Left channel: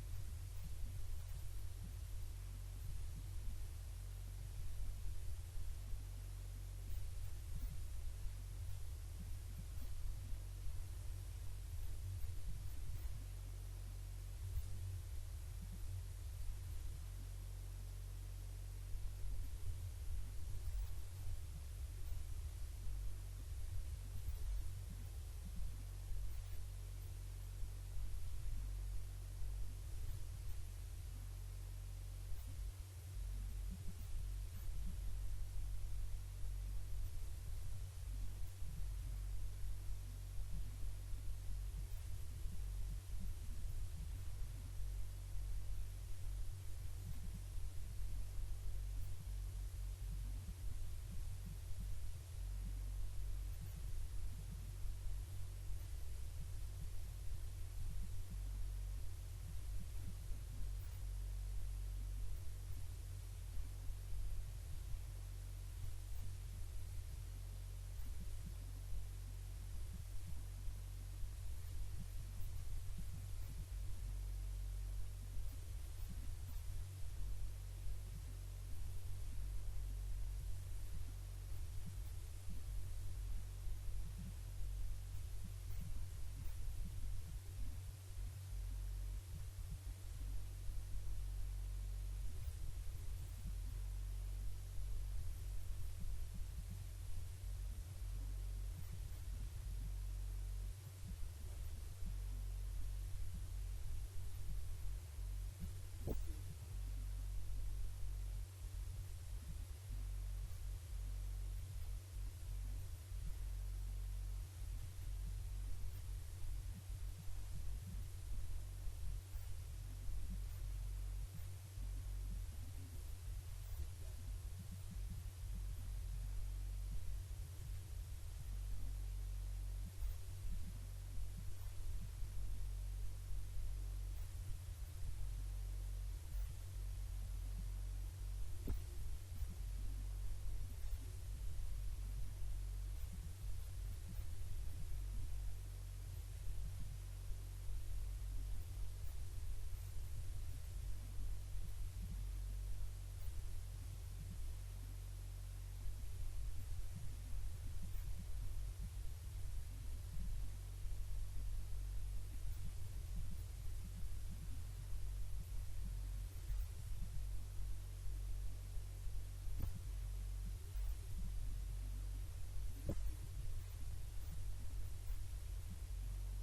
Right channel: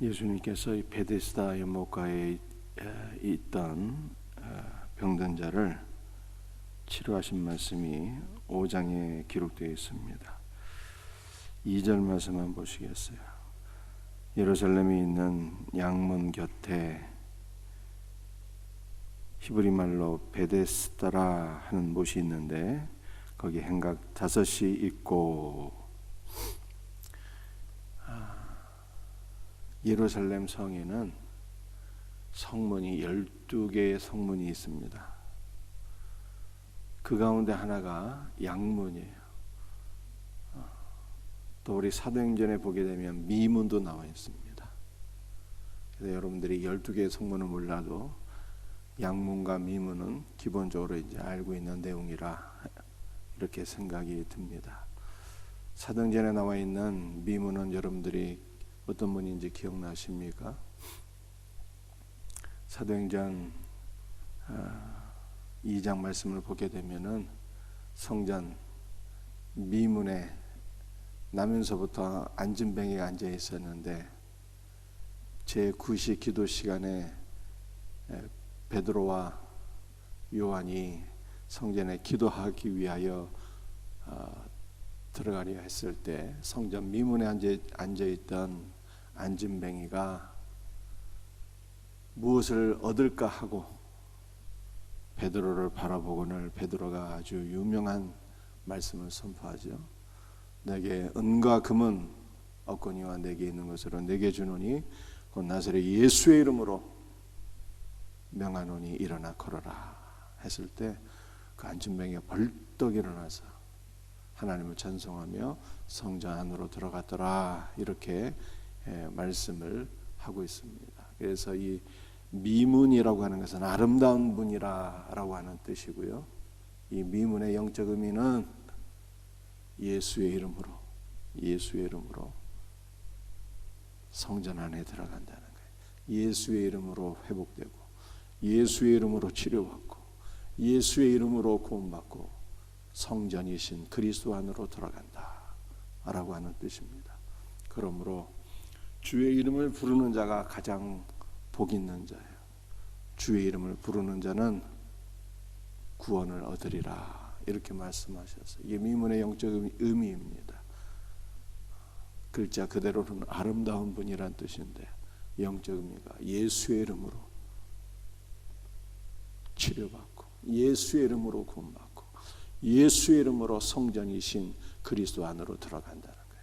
예수님께서 이 베데스다 연못가에 있던 병든 자를 치료하신 말씀이 5장에 기록되어 있습니다. 2절 말씀만 보시겠어요? 예루살렘에 있는 양문 곁에 히브리 말로 베데스다라 하는 못이 있는데 거기 행각 5이 있고, 예루살렘 성에는 성문이 12개의 성문이 있습니다. 그 가운데 하나가 양문이에요. 또 우리 사도행전에 보게 되면 미문도 나와 있습니다. 그래서 여러분들이 12개의 성문을 몰라도 양문과 미문은 기본적으로 이제 알고 있는 내용이라 이렇게 생각이 듭니다. 사도행전에 나와 있는 미문은 여러분들이 어떤 문인지 기억나십니까? 사도행전 2장 말씀을 보게 되면은 성전 미문에 나면서부터 안진뱅이가 앉아 있었는데 제9시 기도 시간에 베드로와 요한이 성전에 기도하기 위하여 들어가려 했을 때 성전 미문에 앉아있던 안진뱅이가 무엇을 얻을까 하고 베드로를 바라보고는 베드로가 아주 유명한 말씀을 선포하죠. 내게 은과 금은 없거니와 내게 있는 것으로 내게 주노니 곧 나사렛 예수의 이름으로 명하노니 일어나 걸어라 했을 때 그 안진뱅이가 벌떡 일어나서 하나님을 찬송하며 성전 안으로 들어갔더라, 이렇게 말씀을 하고 있습니다. 그래서 이 미문이라고 하는 것은 아름다운 문이라고 하는 뜻이고요. 이 미문의 영적 의미는 예수의 이름으로 성전 안에 들어간다는 거예요. 예수의 이름으로 회복되고 예수의 이름으로 치료받고 예수의 이름으로 구원받고 성전이신 그리스도 안으로 들어간다 라고 하는 뜻입니다. 그러므로 주의 이름을 부르는 자가 가장 복 있는 자예요. 주의 이름을 부르는 자는 구원을 얻으리라, 이렇게 말씀하셨어요. 이게 미문의 영적 의미입니다. 글자 그대로는 아름다운 분이란 뜻인데 영적 의미가 예수의 이름으로 치료받고 예수의 이름으로 구원받고 예수의 이름으로 성전이신 그리스도 안으로 들어간다는 거예요.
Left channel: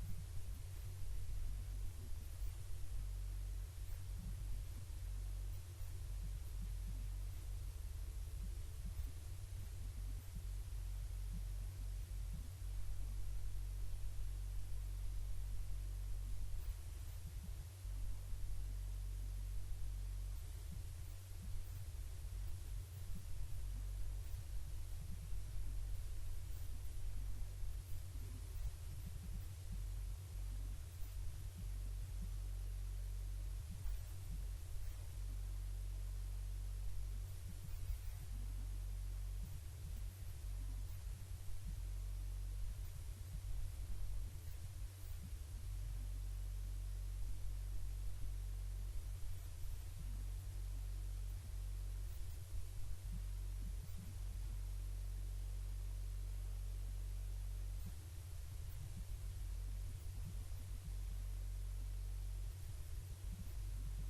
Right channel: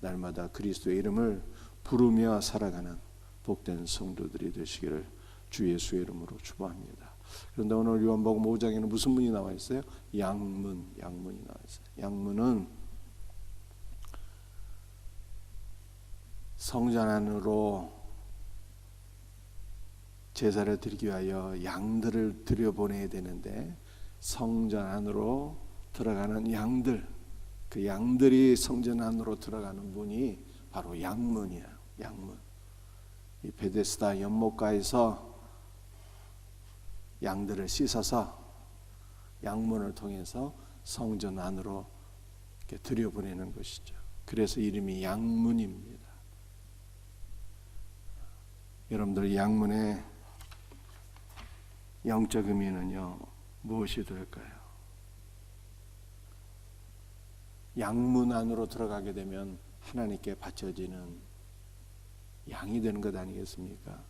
날마다 그리스도의 이름을 부르며 살아가는 복된 성도들이 되시기를 주 예수의 이름으로 축복합니다. 그런데 오늘 요한복음 5장에는 무슨 문이 나와 있어요? 양문이 나와 있어요. 양문은 성전 안으로 제사를 드리기 위하여 양들을 들여보내야 되는데 성전 안으로 들어가는 양들, 그 양들이 성전 안으로 들어가는 문이 바로 양문이에요. 양문. 이 베데스다 연못가에서 양들을 씻어서 양문을 통해서 성전 안으로 이렇게 들여보내는 것이죠. 그래서 이름이 양문입니다. 여러분들 양문의 영적 의미는요, 무엇이 될까요? 양문 안으로 들어가게 되면 하나님께 바쳐지는 양이 되는 것 아니겠습니까?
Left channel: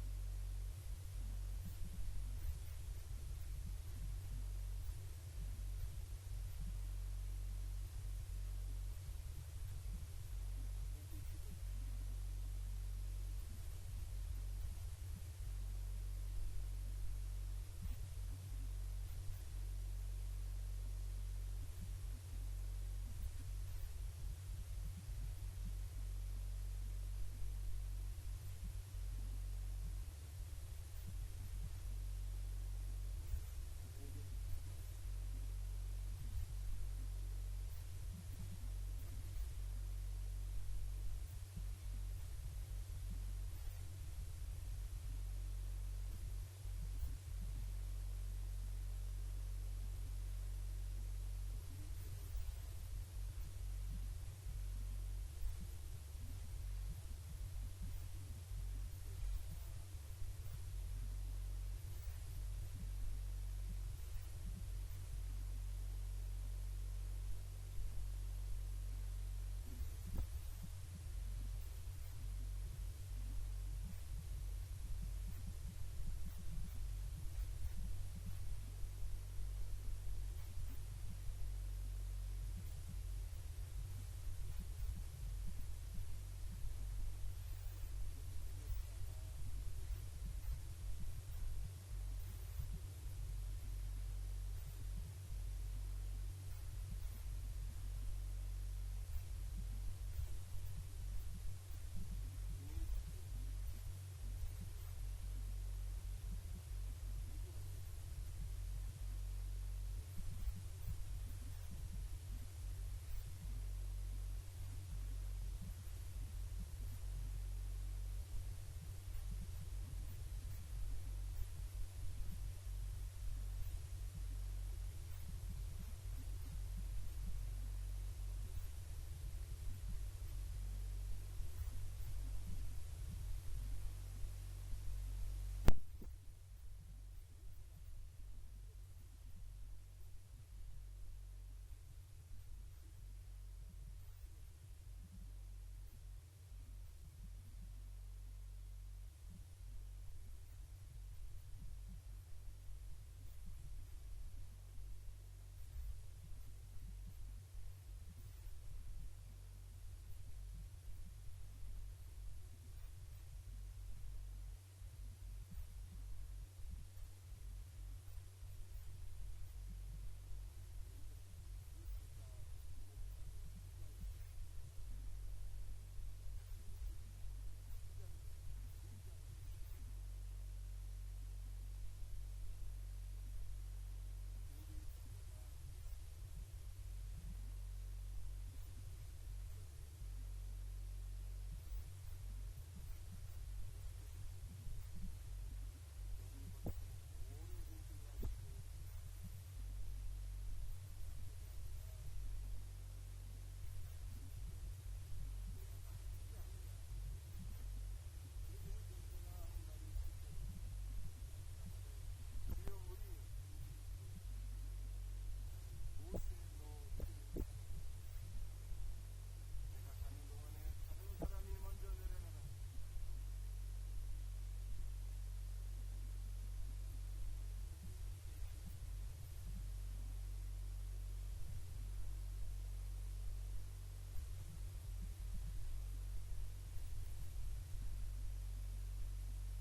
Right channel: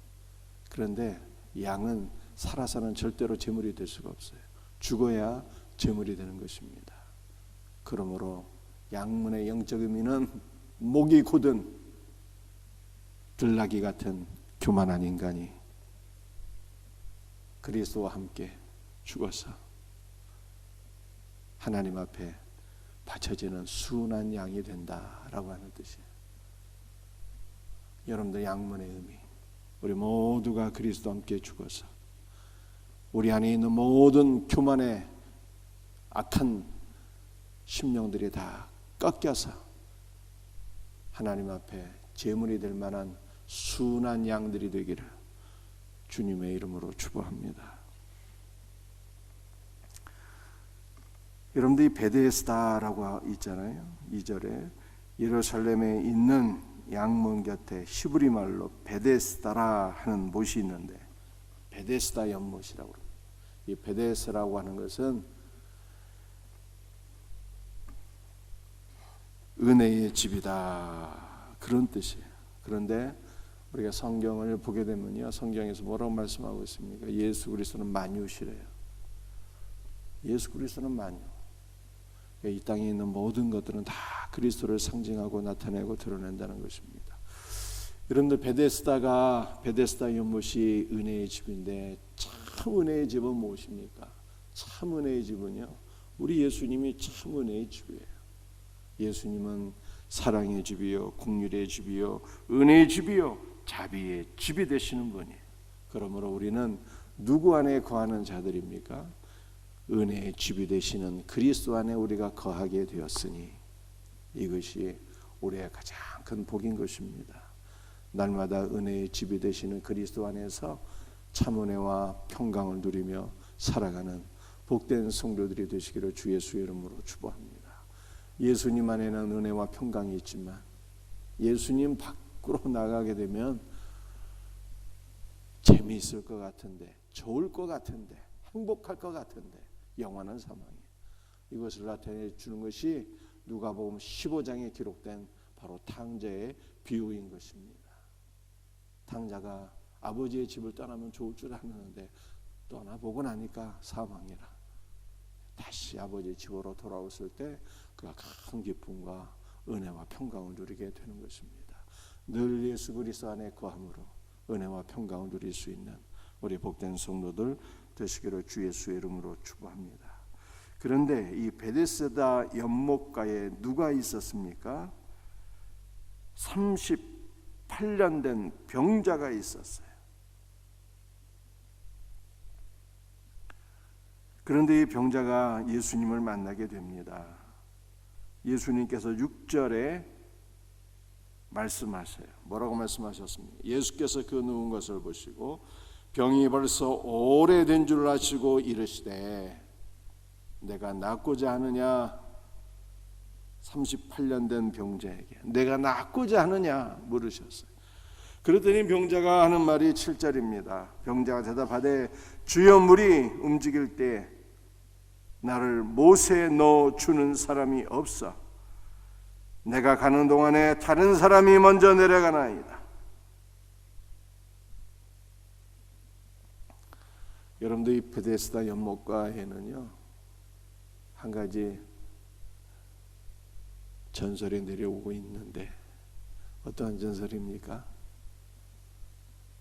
그런데 양은 살아서는 절대로 제물이 될 수가 없어요. 죽어야 제물이 되는 것입니다. 그러므로 양문의 영적 의미는 목이 곧은 들나귀 같은 교만한 인간이 그리스도와 함께 죽어서 하나님 앞에 바쳐지는 순한 양이 된다라고 하는 뜻이에요. 여러분들 양문의 의미, 우리 모두가 그리스도와 함께 죽어서 우리 안에 있는 모든 교만의 악한 심령들이 다 꺾여서 하나님 앞에 제물이 될 만한 순한 양들이 되기를 주님의 이름으로 축복합니다. 여러분들이 베데스다라고 있잖아요. 2절에 예루살렘에 있는 양문 곁에 히브리 말로 베데스다라 하는 못이 있는데, 베데스다 연못이라고 합니다. 이 베데스라고 하는 것은 은혜의 집이다, 그런 뜻이에요. 그런데 우리가 성경을 보게 되면요, 성경에서 뭐라고 말씀하고 있습니까? 예수 그리스도는 만유시래요. 예수 그리스도는 만유. 이 땅에 있는 모든 것들은 다 그리스도를 상징하고 나타내고 드러낸다는 것입니다. 여러분들, 베데스다 연못이 은혜의 집인데, 참 은혜의 집은 무엇입니까? 참 은혜의 집은요, 우리 예수님이 참 은혜의 집이에요. 예수님은 사랑의 집이요, 긍휼의 집이요, 은혜의 집이요, 자비의 집이 되시는 분이에요. 그러므로 우리는 누구 안에 거하는 자들입니까? 은혜의 집이 되시는 그리스도 안에 우리가 거하게 되었으니 이것이 우리의 가장 큰 복인 것입니다. 날마다 은혜의 집이 되시는 그리스도 안에서 참 은혜와 평강을 누리며 살아가는 복된 성도들이 되시기를 주 예수의 이름으로 축복합니다. 예수님 안에는 은혜와 평강이 있지만 예수님 밖으로 나가게 되면 재미있을 것 같은데, 좋을 것 같은데, 행복할 것 같은데 영원한 사망이에요. 이것을 나타내 주는 것이 누가복음 15장에 기록된 바로 탕자의 비유인 것입니다. 탕자가 아버지의 집을 떠나면 좋을 줄 알았는데 떠나보고 나니까 사망이라. 다시 아버지의 집으로 돌아왔을 때 그가 큰 기쁨과 은혜와 평강을 누리게 되는 것입니다. 늘 예수 그리스도 안에 거함으로 은혜와 평강을 누릴 수 있는 우리 복된 성도들 되시기를 주 예수의 이름으로 축복합니다. 그런데 이 베데스다 연못가에 누가 있었습니까? 38년 된 병자가 있었어요. 그런데 이 병자가 예수님을 만나게 됩니다. 예수님께서 6절에 말씀하세요. 뭐라고 말씀하셨습니까? 예수께서 그 누운 것을 보시고 병이 벌써 오래된 줄 아시고 이르시되 내가 낫고자 하느냐? 38년 된 병자에게 내가 낫고자 하느냐 물으셨어요. 그랬더니 병자가 하는 말이 7절입니다. 병자가 대답하되 주여, 물이 움직일 때 나를 못에 넣어 주는 사람이 없어 내가 가는 동안에 다른 사람이 먼저 내려가나이다. 여러분들, 이 베데스다 연못가에는요 한 가지 전설이 내려오고 있는데, 어떠한 전설입니까?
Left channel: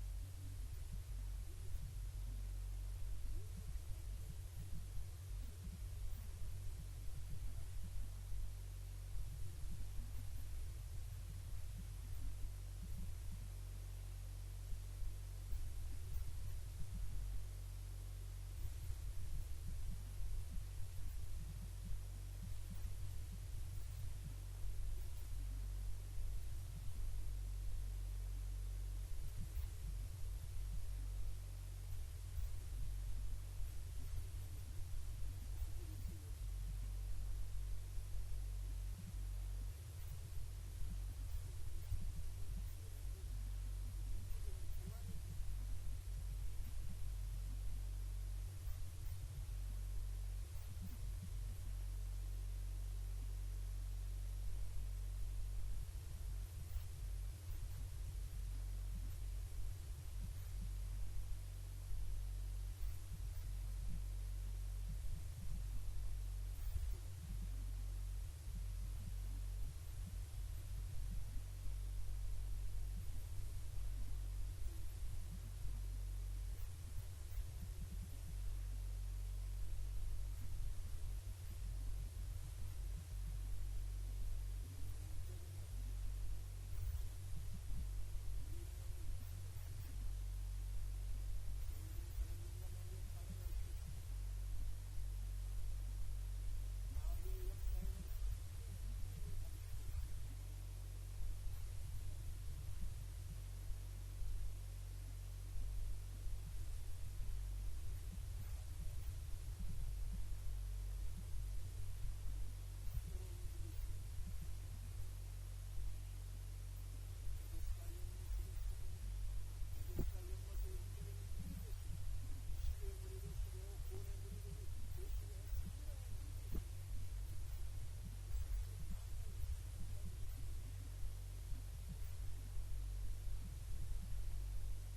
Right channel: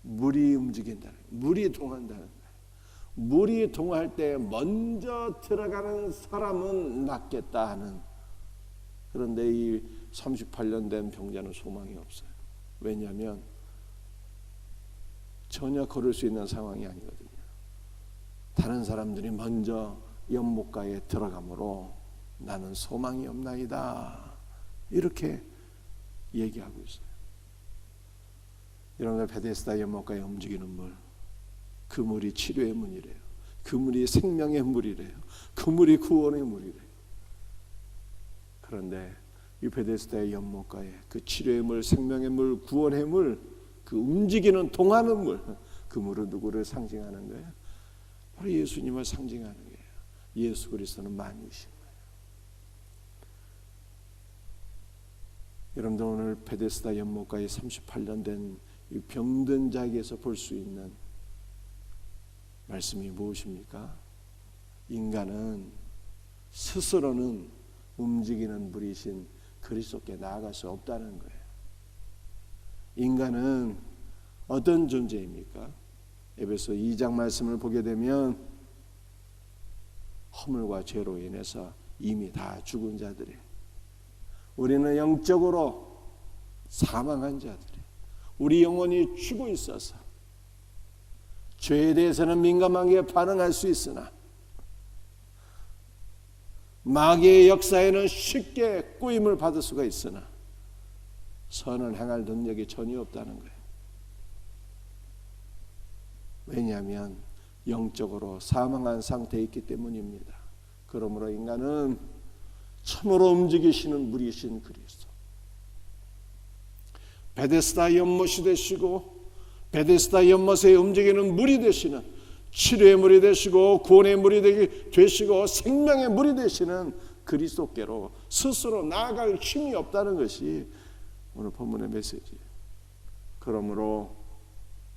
물이 움직인다는, 물이 동한다는 거예요. 물이 동할 때 먼저 들어가는 사람은 낫겠다 하는. 그런데 이 38년 된 병자는 소망이 없어요. 왜냐하면 전혀 걸을 수 있는 상황이 아니거든요. 다른 사람들이 먼저 연못가에 들어가므로 나는 소망이 없나이다, 이렇게 얘기하고 있어요. 여러분들, 베데스다 연못가에 움직이는 물, 그 물이 치료의 문이래요. 그 물이 생명의 물이래요. 그 물이 구원의 물이래요. 그런데 이 베데스다의 연못가에 그 치료의 물, 생명의 물, 구원의 물, 그 움직이는 동하는 물, 그 물은 누구를 상징하는 거예요? 바로 예수님을 상징하는 거예요. 예수 그리스도는 만유신. 여러분들, 오늘 베데스다 연못가에 38년 된 이 병든 자에게서 볼 수 있는 말씀이 무엇입니까? 인간은 스스로는 움직이는 물이신 그리스도께 나아갈 수 없다는 거예요. 인간은 어떤 존재입니까? 에베소 2장 말씀을 보게 되면 허물과 죄로 인해서 이미 다 죽은 자들이에요. 우리는 영적으로 사망한 자들이에요. 우리 영혼이 죽어 있어서 죄에 대해서는 민감하게 반응할 수 있으나 마귀의 역사에는 쉽게 꾸임을 받을 수가 있으나 선을 행할 능력이 전혀 없다는 거예요. 왜냐하면 영적으로 사망한 상태에 있기 때문입니다. 그러므로 인간은 참으로 움직이시는 물이신 그리스도, 베데스다 연못이 되시고 베데스다 연못에 움직이는 물이 되시는, 치료의 물이 되시고 구원의 물이 되시고 생명의 물이 되시는 그리스도께로 스스로 나아갈 힘이 없다는 것이 오늘 본문의 메시지예요. 그러므로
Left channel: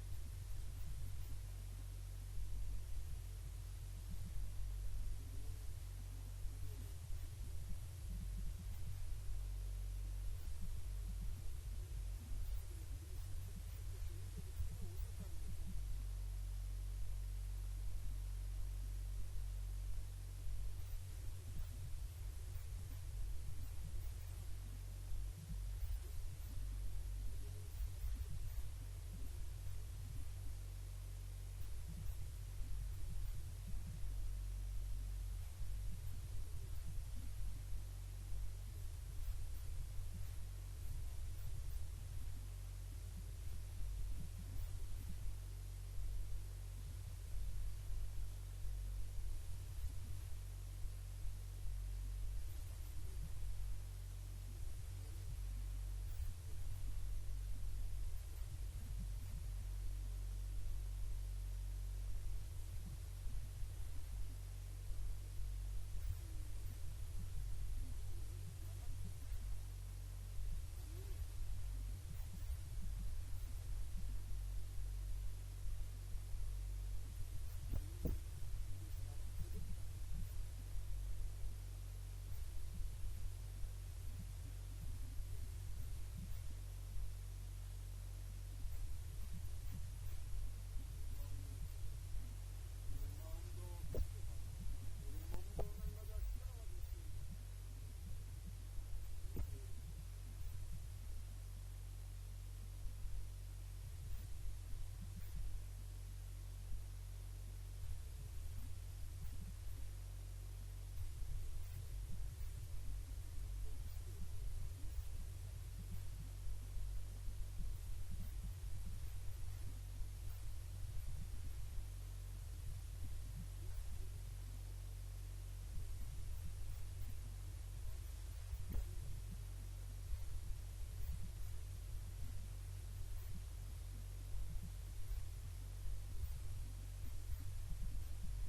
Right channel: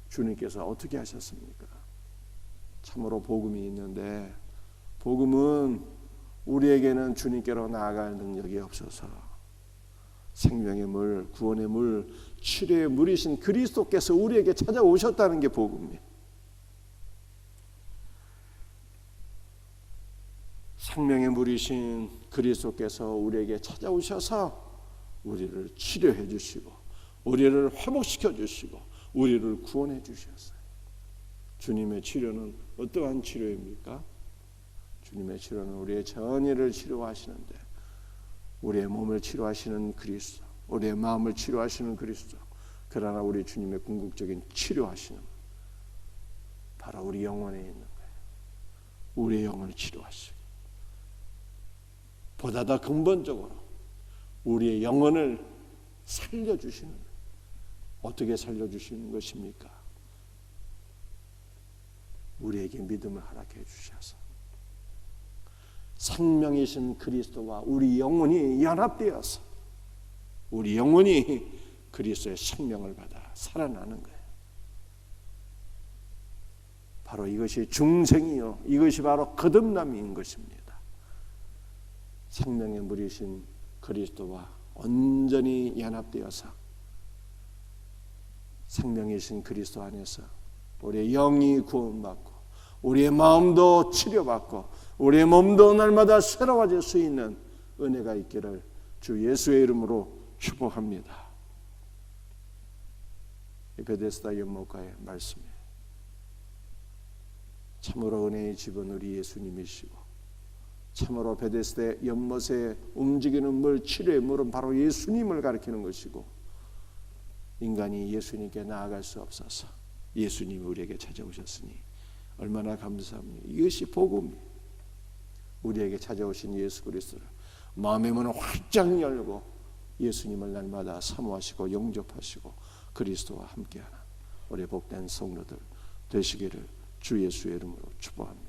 주님께서 어떻게 하셨습니까? 참으로 복음이 있는데 복음은 우리에게는 주님께로 나아갈 능력이 없어서 생명의 물, 구원의 물, 치료의 물이신 그리스도께서 우리에게 찾아오셨다는 게 복음이에요. 생명의 물이신 그리스도께서 우리에게 찾아오셔서 우리를 치료해 주시고 우리를 회복시켜 주시고 우리를 구원해 주셨어요. 주님의 치료는 어떠한 치료입니까? 주님의 치료는 우리의 전의를 치료하시는데 우리의 몸을 치료하시는 그리스도, 우리의 마음을 치료하시는 그리스도, 그러나 우리 주님의 궁극적인 치료하시는 바로 우리 영혼에 있는 거예요. 우리의 영혼을 치료하시고 보다 더 근본적으로 우리의 영혼을 살려주시는, 어떻게 살려주시는 것입니까? 우리에게 믿음을 허락해 주셔서 생명이신 그리스도와 우리 영혼이 연합되어서 우리 영혼이 그리스도의 생명을 받아 살아나는 거예요. 바로 이것이 중생이요, 이것이 바로 거듭남인 것입니다. 생명의 물이신 그리스도와 온전히 연합되어서 생명이신 그리스도 안에서 우리의 영이 구원받고 우리의 마음도 치료받고 우리의 몸도 날마다 새로워질 수 있는 은혜가 있기를 주 예수의 이름으로 축복합니다. 베데스다 연못가의 말씀이에요. 참으로 은혜의 집은 우리 예수님이시고 참으로 베데스다 연못에 움직이는 물, 치료의 물은 바로 예수님을 가리키는 것이고 인간이 예수님께 나아갈 수 없어서 예수님이 우리에게 찾아오셨으니 얼마나 감사합니다. 이것이 복음이에요. 우리에게 찾아오신 예수 그리스도를 마음의 문을 활짝 열고 예수님을 날마다 사모하시고 영접하시고 그리스도와 함께하는 우리 복된 성도들 되시기를 주 예수의 이름으로 축복합니다.